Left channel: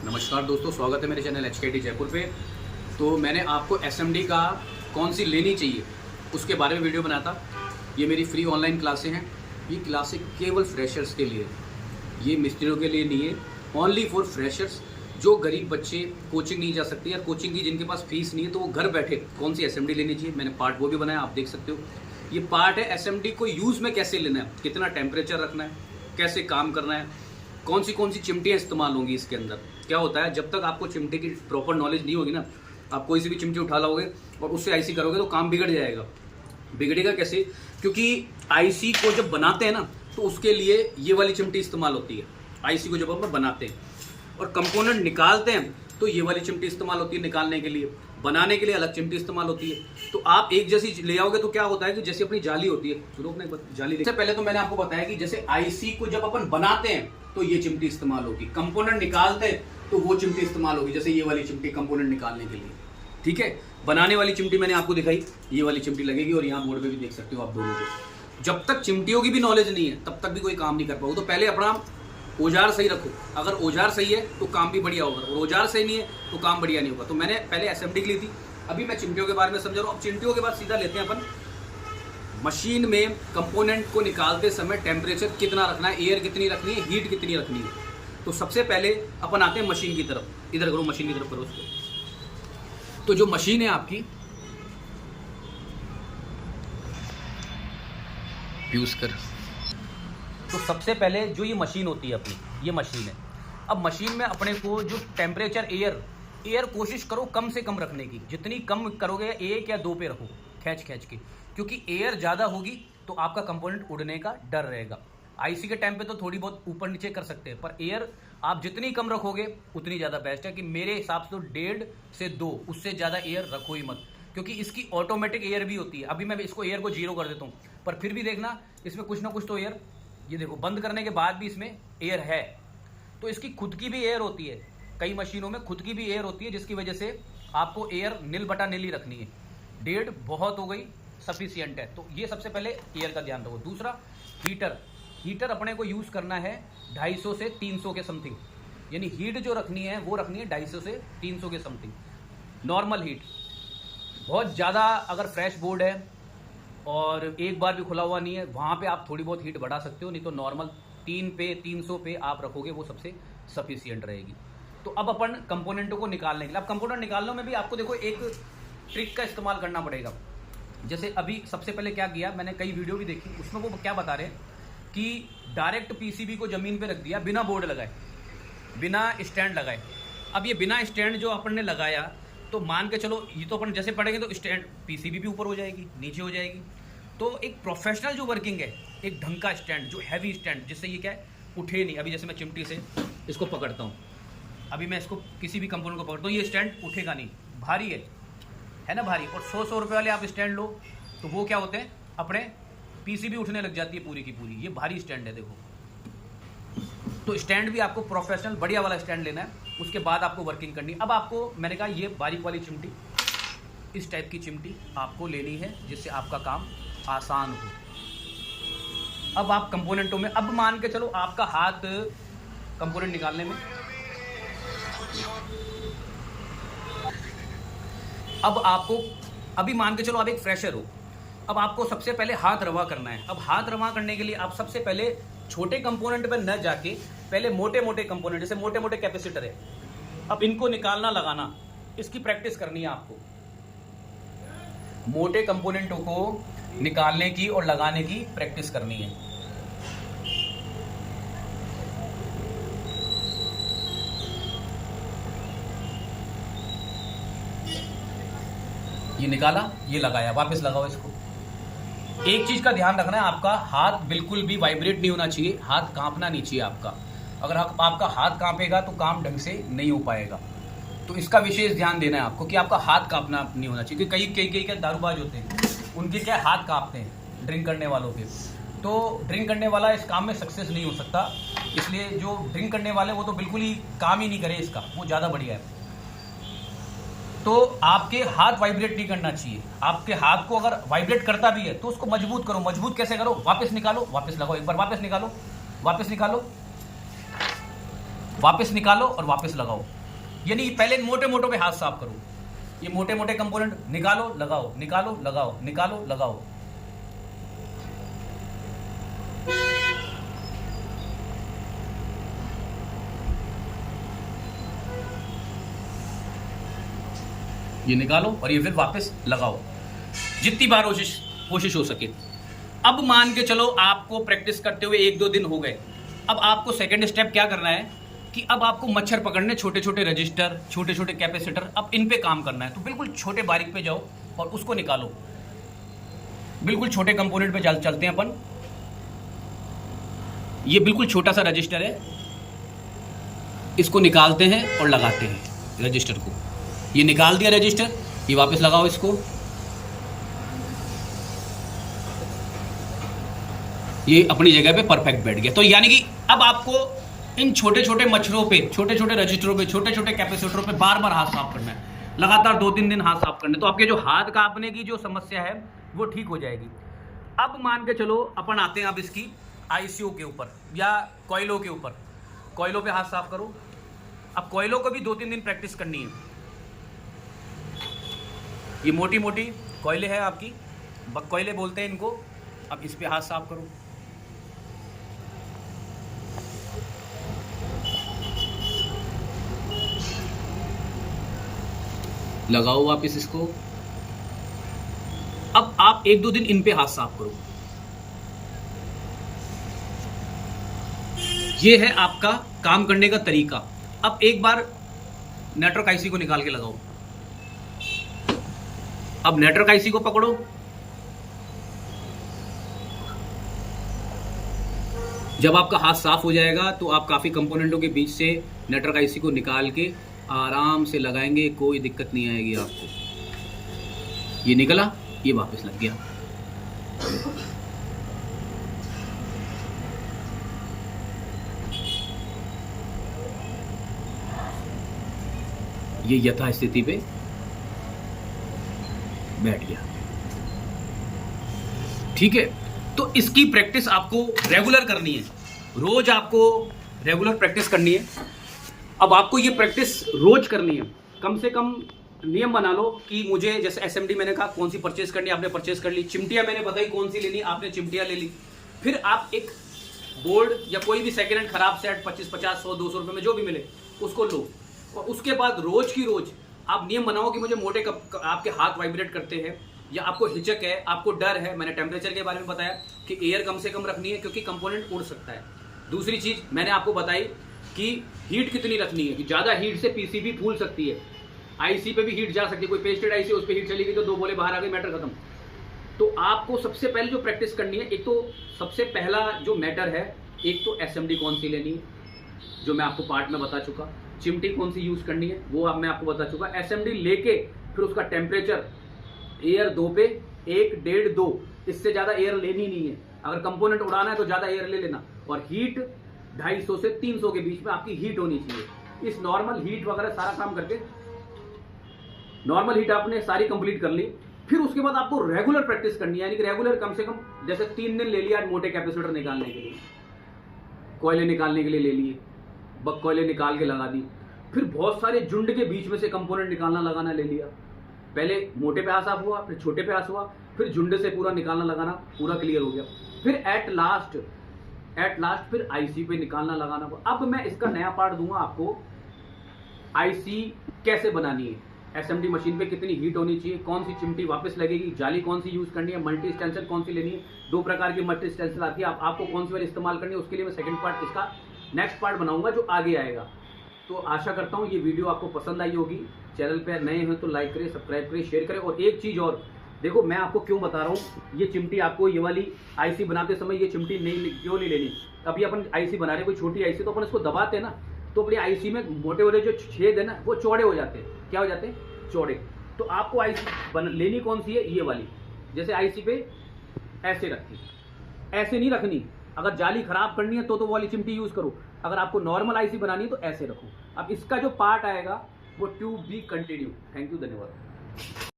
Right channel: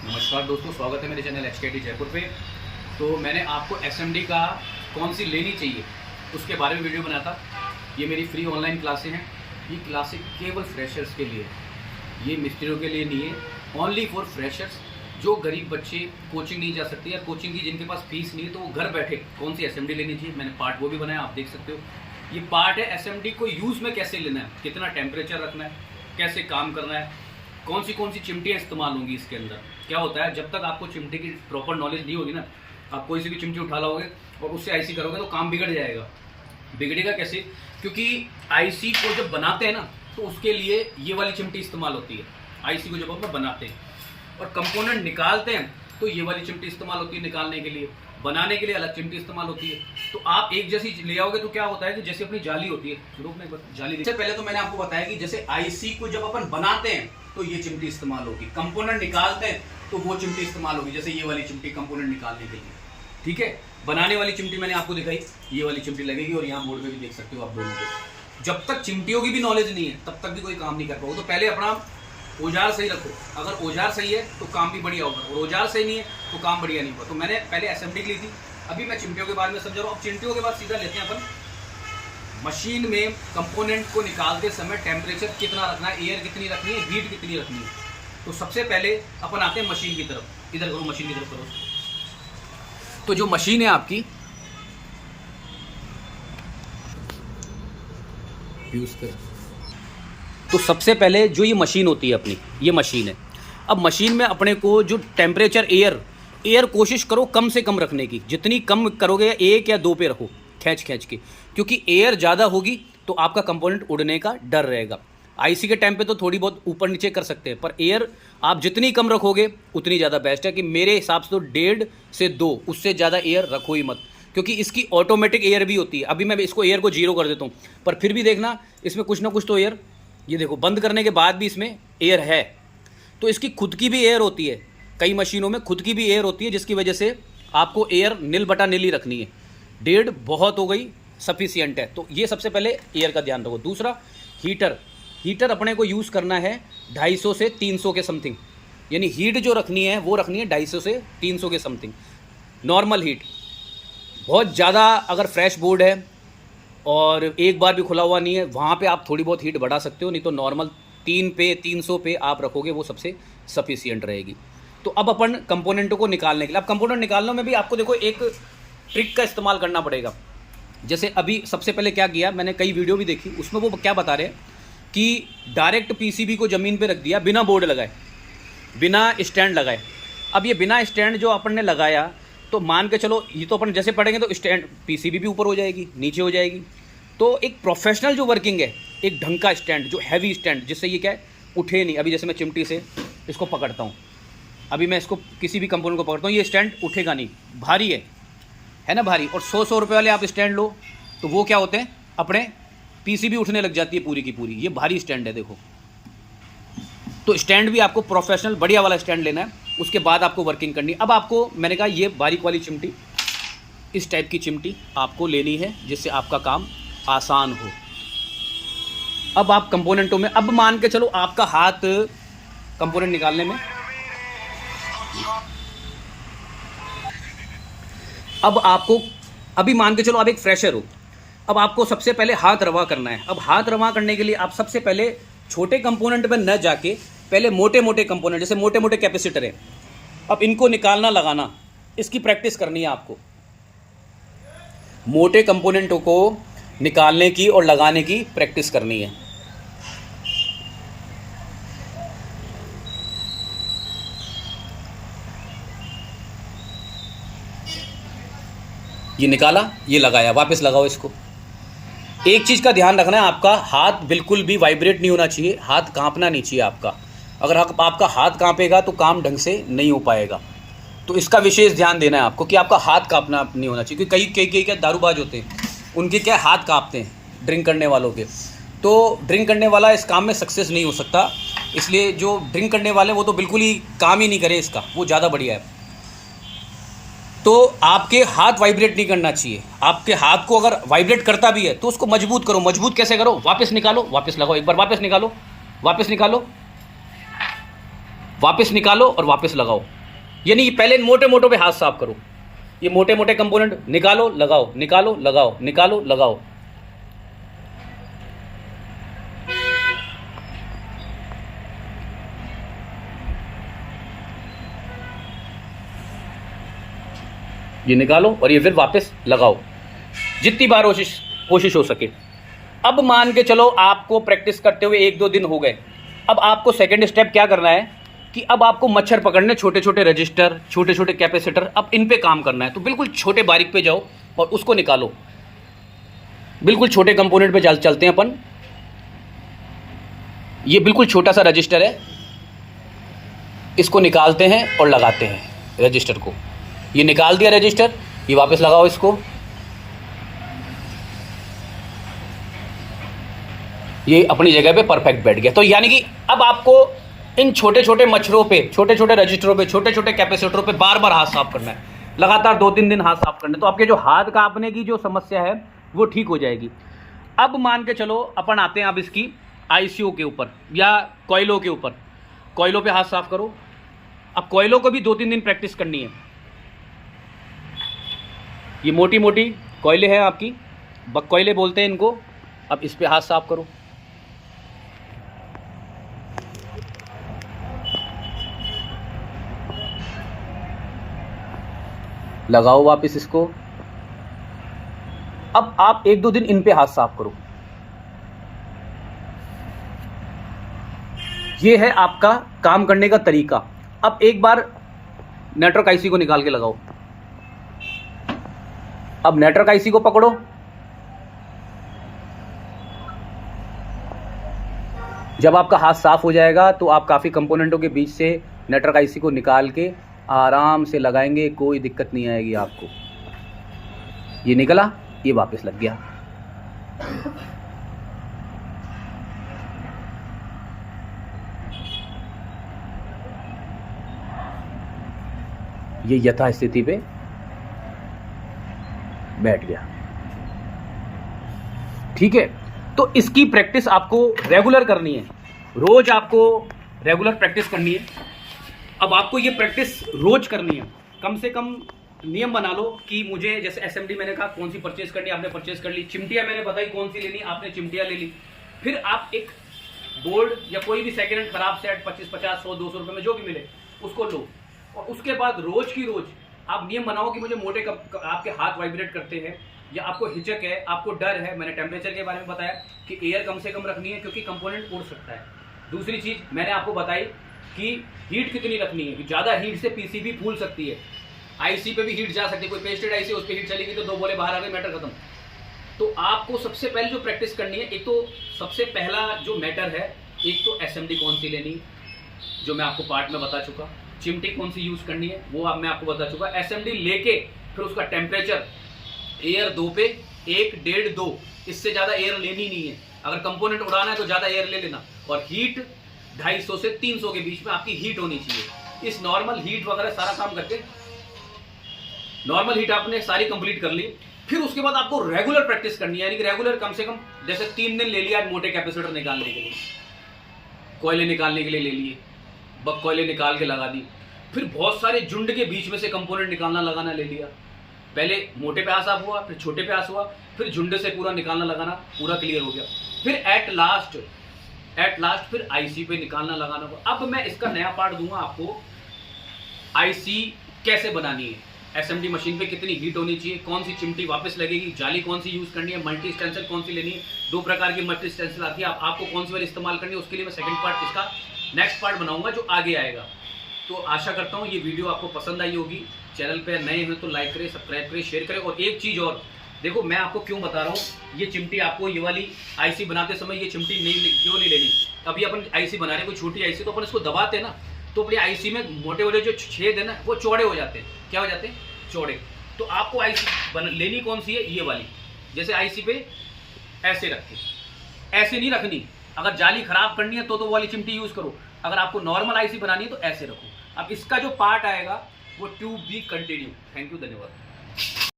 नमस्कार दोस्तों, स्वागत है मेरे चैनल HKT जयपुर पे। तो मैंने आपको SMD का कौन सी लेनी चाहिए उसके बारे में वीडियो बनाया था। ये मेरी फ्री ऑनलाइन क्लासें हैं। ये क्लासें केवल फ्रेशर्स के लिए, ये मिस्त्रियों के लिए नहीं है, ओनली फॉर फ्रेशर्स। जो गरीब बच्चे कोचिंग नहीं जा सकते या कोचिंग की जिनके पास फीस नहीं है, तो वो घर बैठे कौन सी SMD लेनी चाहिए। मैंने पार्ट वो भी बनाया, आप देख सकते हो। ये पार्ट है SMD को यूज़ में कैसे लेना है, कितना टेम्परेचर रखना है, कैसे काम करना है, कौन सी चिमटियाँ इस्तेमाल होंगी इसके अंदर। क्या होता है, जब तक आपको चिमटे की प्रॉपर नॉलेज नहीं होगी ना, आप कोई सी भी चिमटी उठा लोगे और उससे आईसी करोगे तो काम बिगड़ जाएगा। बिगड़ेगा कैसे? क्योंकि आईसी को जब बनाते हैं ना, तो उसके लिए ये वाली चिमटी इस्तेमाल होती है। आईसी को जब हम बनाते हैं और कंपोनेंट निकालते हैं, तो ये वाली चिमटी इस्तेमाल होती है निकालने के लिए। बनाने के लिए अलग चिमटी इस्तेमाल होती है। तो आप एक जैसी ले आओगे तो क्या होता है कि जैसे अपनी जाली होती है, रोकने पर जाली। इससे पहले तो मैंने आपको बताया कि जैसे आईसी को जब अपन बनाते हैं तो ये चिमटी इस्तेमाल होगी, कंपोनेंट निकालते हैं तो वो चिमटी इस्तेमाल होगी, जैसे ये वाली चिमटी कंपोनेंट निकालने के लिए। ठीक है, बनाने वाली चिमटी मैंने आपको दिखाई, ये वाली चिमटी लगेगी। और यहाँ बोर्ड पे भी देख सकते हो आप दोनों को। जब तक चिमटियों की भी नॉलेज नहीं है तब तक भी कोई काम नहीं कर पाओगे। तो पहले अपना औजार सही रखो। अगर औजार सही है तो काम भी बढ़िया होगा, और औजार सही नहीं है तो काम बढ़िया नहीं होगा। तो मैंने पहले SMD ली थी, अभी मैं चिमटियों के बारे में समझा रहा हूँ। अब चिमटियों के बाद सीधा लेते हैं अपन मशीन में। कंपोनेंट को निकालते समय टेम्परेचर कितना रखना है, एयर कितनी रखनी है, हीट कितनी रखनी है। तो सबसे पहले अपन आते हैं मशीन की तरफ। इधर करो, मशीन की तरफ करो उसको। तो जो मशीन है आपकी, यूज कर। तो सबसे पहले जो ये मशीन होती है अपनी, ये मशीन है। अब मशीन में अपने को जो टेम्परेचर एयर कोशिश करो कम से कम रखने की। जितनी कम करोगे, 1 या 2 पे रखो खींच के, क्योंकि एयर ज़्यादा होगी तो आपका कंपोनेंट उड़ने का डर रहेगा। आईसी के टाइम पे तो थोड़ी बहुत ऊपर नीचे कर सकते हैं, पर एयर आप जितनी कम रखोगे उतनी ज़्यादा बेस्ट है। कि मेरे हिसाब से तो 1.5 से 2, उससे ज़्यादा एयर रखो ही मत, क्योंकि इसकी ऑटोमेटिक एयर भी होती है। अभी मैं इसको एयर को 0 कर देता हूँ, पर फिर भी देखना इसमें कुछ ना कुछ तो एयर, ये देखो बंद करने के बाद भी इसमें एयर है। तो इसकी खुद की भी एयर होती है, कई मशीनों में खुद की भी एयर होती है, जिसकी वजह से आपको एयर नील बटा नील ही रखनी है। 1.5 बहुत हो गई, सफिशियंट है। तो ये सबसे पहले एयर का ध्यान रखो। दूसरा, हीटर अपने को यूज़ करना है 250 से 300 के समथिंग। यानी हीट जो रखनी है वो रखनी है 250 से 300 के समथिंग, नॉर्मल हीट। बहुत ज़्यादा अगर फ्रेश बोर्ड है और एक बार भी खुला हुआ नहीं है, वहाँ पे आप थोड़ी बहुत हीट बढ़ा सकते हो, नहीं तो नॉर्मल 300 पे आप रखोगे, वो सबसे सफिशियंट रहेगी। तो अब अपन कंपोनेंटों को निकालने के लिए, अब कंपोनेंट निकालने में भी आपको देखो एक ट्रिक का इस्तेमाल करना पड़ेगा। जैसे अभी सबसे पहले क्या किया, मैंने कई वीडियो भी देखी, उसमें वो क्या बता रहे हैं कि डायरेक्ट PCB को ज़मीन पे रख दिया बिना बोर्ड लगाए, बिना स्टैंड लगाए। अब ये बिना स्टैंड जो अपन ने लगाया, तो मान के चलो ये तो अपन जैसे पढ़ेंगे तो स्टैंड PCB भी ऊपर हो जाएगी, नीचे हो जाएगी। तो एक प्रोफेशनल जो वर्किंग है, एक ढंग का स्टैंड, जो हैवी स्टैंड, जिससे ये क्या है, उठे नहीं। अभी जैसे मैं चिमटी से इसको पकड़ता हूँ, अभी मैं इसको किसी भी कंपोनेंट को पकड़ता हूँ, ये स्टैंड उठेगा नहीं, भारी है ना, भारी। और 100 रुपये वाले आप स्टैंड लो तो वो क्या होते हैं, अपने PCB उठने लग जाती है पूरी की पूरी। ये भारी स्टैंड है, देखो। तो स्टैंड भी आपको प्रोफेशनल बढ़िया वाला स्टैंड लेना है, उसके बाद आपको वर्किंग करनी है। अब आपको मैंने कहा ये बारीक वाली चिमटी, इस टाइप की चिमटी आपको लेनी है, जिससे आपका काम आसान हो। अब आप कंपोनेंटों में, अब मान के चलो आपका हाथ कंपोनेंट निकालने में, अब आपको, अभी मान के चलो आप एक फ्रेशर हो, अब आपको सबसे पहले हाथ रवा करना है। अब हाथ रवा करने के लिए आप सबसे पहले छोटे कंपोनेंट में न जाके पहले मोटे मोटे कंपोनेंट, जैसे मोटे मोटे कैपेसिटर है, अब इनको निकालना लगाना, इसकी प्रैक्टिस करनी है आपको। मोटे कंपोनेंटों को निकालने की और लगाने की प्रैक्टिस करनी है। ये निकाला, ये लगाया, वापस लगाओ इसको। एक चीज़ का ध्यान रखना है, आपका हाथ बिल्कुल भी वाइब्रेट नहीं होना चाहिए, हाथ कांपना नहीं चाहिए आपका। अगर आपका हाथ कांपेगा तो काम ढंग से नहीं हो पाएगा। तो इसका विशेष ध्यान देना है आपको कि आपका हाथ कांपना नहीं होना चाहिए। क्योंकि कई क्या दारूबाज होते हैं, उनके क्या हाथ कांपते हैं, ड्रिंक करने वालों के। तो ड्रिंक करने वाला इस काम में सक्सेस नहीं हो सकता। इसलिए जो ड्रिंक करने वाले वो तो बिल्कुल ही काम ही नहीं करें इसका, वो ज़्यादा बढ़िया है। तो आपके हाथ वाइब्रेट नहीं करना चाहिए। आपके हाथ को अगर वाइब्रेट करता भी है तो उसको मजबूत करो। मजबूत कैसे करो, वापस निकालो, वापस लगाओ, एक बार वापस निकालो, वापस निकालो, वापस निकालो और वापस लगाओ। यानी पहले मोटे मोटे पे हाथ साफ करो। ये मोटे मोटे कंपोनेंट निकालो लगाओ, निकालो लगाओ, निकालो लगाओ। ये निकालो और ये फिर वापस लगाओ, जितनी बार कोशिश हो सके। अब मान के चलो आपको प्रैक्टिस करते हुए 1-2 दिन हो गए। अब आपको सेकंड स्टेप क्या करना है कि अब आपको मच्छर पकड़ने, छोटे छोटे रजिस्टर, छोटे छोटे कैपेसिटर, अब इन पे काम करना है। तो बिल्कुल छोटे बारीक पे जाओ और उसको निकालो। बिल्कुल छोटे कंपोनेंट पे चलते हैं अपन। ये बिल्कुल छोटा सा रजिस्टर है, इसको निकालते हैं और लगाते हैं रजिस्टर को। ये निकाल दिया रजिस्टर, ये वापस लगाओ इसको। ये अपनी जगह पे परफेक्ट बैठ गया। तो यानी कि अब आपको इन छोटे छोटे मच्छरों पे, छोटे छोटे रजिस्टरों पे, छोटे छोटे कैपेसिटरों पे बार बार हाथ साफ करना है। लगातार 2-3 दिन हाथ साफ करना है, तो आपके जो हाथ कांपने की जो समस्या है वो ठीक हो जाएगी। अब मान के चलो अपन आते हैं अब इसकी आईसीयू के ऊपर या कोयलों के ऊपर। कोयलों पे हाथ साफ करो। अब कोयलों को भी 2-3 दिन प्रैक्टिस करनी है। ये मोटी मोटी कोयले हैं आपकी, बक कोयले बोलते हैं इनको। अब इस पे हाथ साफ करो। लगाओ वापस इसको। अब आप 1-2 दिन इन पे हाथ साफ करो। ये है आपका काम करने का तरीका। अब एक बार नेटवर्क आईसी को निकाल के लगाओ। अब नेटवर्क आईसी को पकड़ो। जब आपका हाथ साफ हो जाएगा तो आप काफ़ी कंपोनेंटों के बीच से नेटवर्क आईसी को निकाल के आराम से लगाएंगे, कोई दिक्कत नहीं आएगी आपको। ये निकला, ये वापस लग गया। ये यथा स्थिति पे बैठ गया। ठीक है, तो इसकी प्रैक्टिस आपको रेगुलर करनी है। रोज आपको रेगुलर प्रैक्टिस करनी है। अब आपको ये प्रैक्टिस रोज करनी है। कम से कम नियम बना लो कि मुझे, जैसे एसएमडी मैंने कहा कौन सी परचेज करनी, आपने परचेज कर ली। चिमटियां मैंने बताई कौन सी लेनी, आपने चिमटियां ले ली। फिर आप एक बोर्ड या कोई भी सेकेंड हैंड खराब सेट 25, 50, 100, 200 रुपए में जो भी मिले उसको लो। और उसके बाद रोज की रोज आप नियम बनाओ कि मुझे मोटे आपके हाथ वाइब्रेट करते हैं या आपको हिचक है, आपको डर है। मैंने टेम्परेचर के बारे में बताया कि एयर कम से कम रखनी है क्योंकि कंपोनेंट उड़ सकता है। दूसरी चीज मैंने आपको बताई कि हीट कितनी रखनी है, कि ज़्यादा हीट से पीसीबी फूल सकती है। आईसी पे भी हीट जा सकती है। कोई पेस्टेड आईसी उस पर हीट चली गई तो 2 बोले बाहर आ गए, मैटर खत्म। तो आपको सबसे पहले जो प्रैक्टिस करनी है, एक तो सबसे पहला जो मैटर है, एक तो एसएमडी कौन सी लेनी है जो मैं आपको पार्ट में बता चुका। चिमटी कौन सी यूज़ करनी है वो मैं आपको बता चुका। एसएमडी लेके फिर उसका टेम्परेचर एयर 2 पे 1, 1.5, 2, इससे ज़्यादा एयर लेनी नहीं है। अगर कंपोनेंट उड़ाना है तो ज़्यादा एयर ले लेना। और हीट 250 से 300 के बीच में आपकी हीट होनी चाहिए। इस नॉर्मल हीट वगैरह सारा काम करके, नॉर्मल हीट आपने सारी कंप्लीट कर ली। फिर उसके बाद आपको रेगुलर प्रैक्टिस करनी है। यानी कि रेगुलर कम से कम जैसे 3 दिन ले लिया आज मोटे कैपेसिटर निकालने के लिए, कोयले निकालने के लिए ले लिए, बक कोयले निकाल के लगा दी। फिर बहुत सारे झुंड के बीच में से कंपोनेंट निकालना लगाना ले लिया। पहले मोटे पे आसाफ हुआ, फिर छोटे पे आस हुआ, फिर झुंड से पूरा निकालना लगाना पूरा क्लियर हो गया। फिर एट लास्ट फिर आईसी पे निकालना लगाना हुआ। अब मैं इसका नया पार्ट दूंगा आपको, आईसी कैसे बनानी है, एसएमडी मशीन पे कितनी हीट होनी चाहिए, कौन सी चिमटी वापस लगेगी, जाली कौन सी यूज़ करनी है, मल्टी स्टेंसिल कौन सी लेनी है। 2 प्रकार की मल्टी स्टेंसिल आती है, आपको कौन सी वाली इस्तेमाल करनी है, उसके लिए मैं सेकंड पार्ट इसका नेक्स्ट पार्ट बनाऊंगा जो आगे आएगा। तो आशा करता हूँ ये वीडियो आपको पसंद आई होगी। चैनल पर नए हैं तो लाइक करें, सब्सक्राइब करें, शेयर करें। और एक चीज़ और देखो, मैं आपको क्यों बता रहा हूँ, ये चिमटी आपको ये वाली आईसी बनाते समय ये चिमटी क्यों नहीं लेनी। अभी अपन आईसी बना रहे हैं, कोई छोटी आईसी, तो अपन इसको दबाते हैं ना, तो अपनी आईसी में मोटे वाले जो छेद है ना वो चौड़े हो जाते हैं। क्या हो जाते हैं? चौड़े। तो आपको आईसी लेनी कौन सी है? ये वाली। जैसे आईसी पे ऐसे रखी, ऐसे नहीं रखनी। अगर जाली खराब करनी है तो वो वाली चिमटी यूज़ करो। अगर आपको नॉर्मल आईसी बनानी है तो ऐसे रखो। अब इसका जो पार्ट आएगा वो ट्यूब भी कंटिन्यू। थैंक यू, धन्यवाद।